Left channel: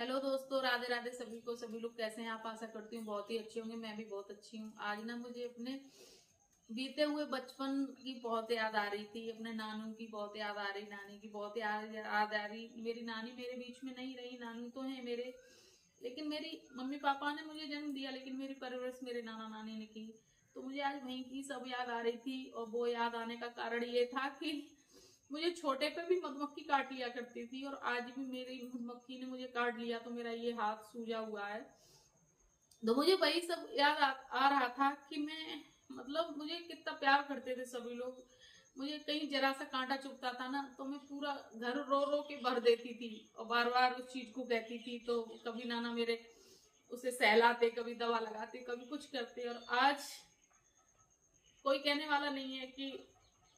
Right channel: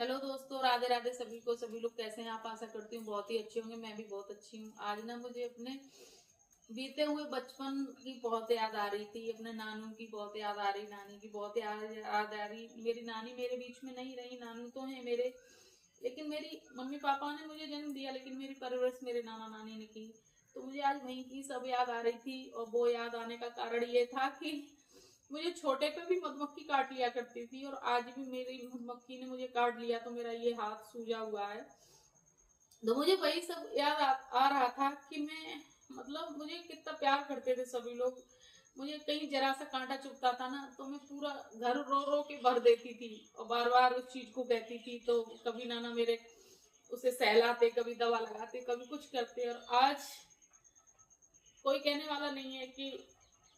Hello दोस्तों, राधे राधे सभी को। सभी लोग कैसे हैं? आप आशा करती हूँ बहुत ही अच्छे होंगे। मैं भी बहुत अच्छी हूँ। आज ना मुझे अपने बीते हुए बचपन की बहुत याद आ रही थी। अपने नानू की बहुत याद आ रही, नानी की बहुत याद आ रही। मेरी नानी मेरे बीच में नहीं रही, नानू तो है मेरे, लेकिन मेरी मम्मी पापा ने मुझे जन्म दिया, लेकिन मेरी परवरिश मेरे नाना नानी ने की। तो मुझे आज वहीं की सब याद आ रही थी। और वो याद आने का कारण ये था कि मुझे छोटे पे भी मधुमक्खी काट लिया करती थी, और आज भी मेरी मधुमक्खी ने मुझे काट लिया तो मेरा ये हाथ सूजा हुआ है। तो मुझे वही सब याद आ रहा था कि मैं, मतलब मुझे कितना प्यार करते थे सभी लोग। मुझे कहीं जरा सा कांटा चुभता था ना, तो मैं पूरा घर रो रो के भर देती थी और बार बार उस चीज को कहती थी। तो कभी नाना मेरे उसे सहलाते, कभी दवा लगाते, कभी कुछ करते। और आज कोई कहने वाला नहीं है कि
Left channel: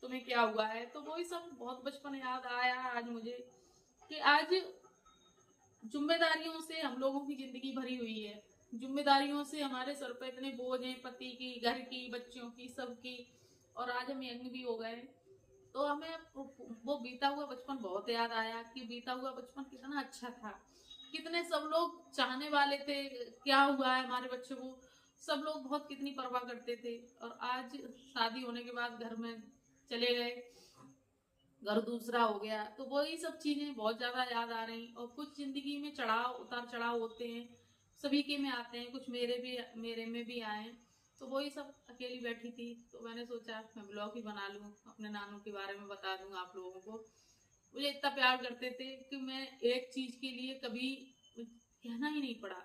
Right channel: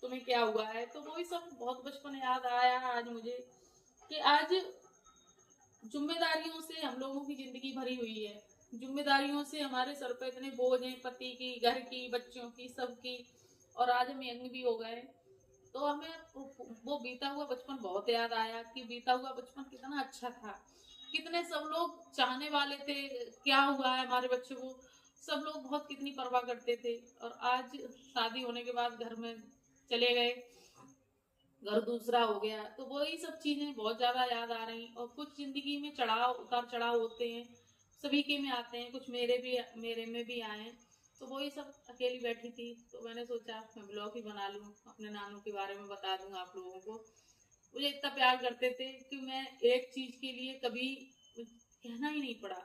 तुम्हें क्या हुआ है। तो वही सब बहुत बचपन याद आया आज मुझे कि आज जिम्मेदारियों से हम लोगों की जिंदगी भरी हुई है। जिम्मेदारियों से हमारे सर पे इतने बोझ हैं, पति की, घर की, बच्चों की, सबकी। और आज हम यंग भी हो गए। तो हमें वो बीता हुआ बचपन बहुत याद आया कि बीता हुआ बचपन कितना अच्छा था। कितने सब लोग चाहने वाले थे, क्या हुआ है हमारे बच्चे को। सब लोग बहुत कितनी परवाह करते थे। और आज शादी होने के बाद घर में चले गए, घर दूसरा हो गया। तो वही सब चीजें बहुत ज्यादा याद आ रही। और कुछ जिंदगी में चढ़ाव उतार चढ़ाव होते हैं, सभी के में आते हैं, कुछ मेरे में भी आए। तो वही सब अकेली बैठी थी तो मैंने सोचा मैं ब्लॉग ही बना लूं, अपने नानू के बारे में बता दूं आप लोगों को। मुझे इतना प्यार करते थे कि मैं एक चीज के लिए कभी कहना ही नहीं पड़ा।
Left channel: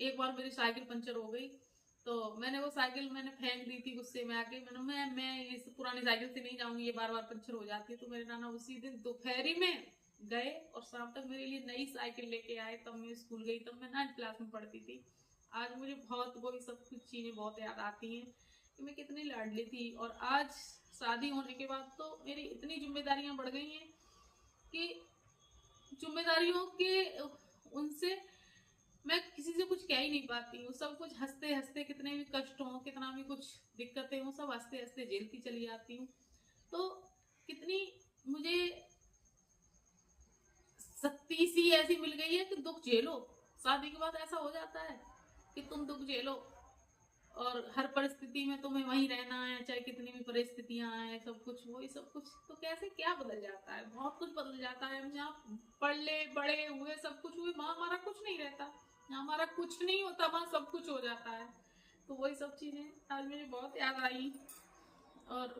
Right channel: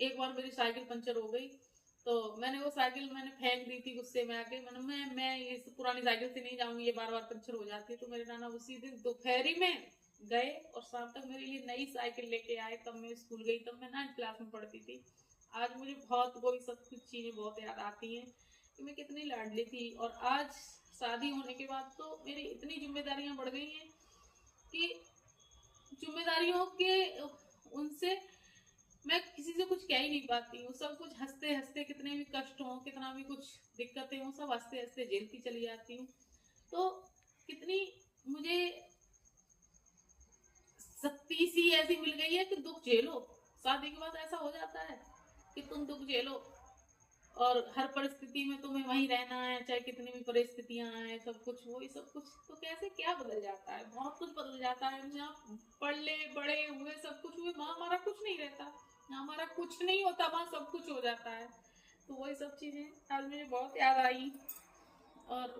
एक बार मेरी साइकिल पंचर हो गई, तो मैंने फेंक दी थी गुस्से में आके। मैं इस पुरानी साइकिल से नहीं जाऊंगी, ये बार बार पंचर हो जाती है। तो मेरे नाना उसी दिन दोपहरी में गए और शाम तक मेरे लिए नई साइकिल लेके आए। तब मैं स्कूल गई, तब मैं 9th क्लास में पढ़ती थी। आज मुझे बहुत वही सब कुछ चीजें बहुत याद आती हैं कि मैं कितनी लाडली थी। और आज शादी होने के बाद तो मेरी इतनी जिम्मेदारियां बढ़ गई हैं कि जिम्मेदारियों के उनसे मैं किसी से कुछ कह ही नहीं पाती हूँ। सब कुछ हंसते हंसते, कितने भी कष्ट हो, कितना भी कुछ दिक्कतें हो, सब हंसते हंसते झेलती चली जाती हूँ। तो कितनी मुझे शक्ति सी ऐसी मिल गई है कि दुख झेलो। शादी के बाद ऐसा हो जाता है कि तुम दुख झेलो, और हर परिस्थिति में तुम्हें वहीं रहना है, चाहे कितनी भी परिस्थितियां आए। सब कुछ वही सब कुछ, तो कैसे क्या बदल जाता है, बहुत कुछ बदल जाता है। हम यहाँ पढ़े बड़े हुए, सब कुछ हुए, वहां हमारा कुछ नहीं रहता। हमारा कुछ नहीं होता, वहां सब कुछ हो जाता है। तो वही सब चीजें आज मुझे बहुत याद आई। और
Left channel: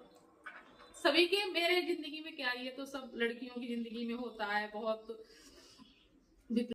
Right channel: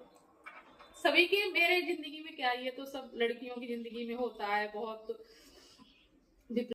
सभी के, मेरे जिंदगी में क्या, ये तो सब लड़कियों की जिंदगी में होता है बहुत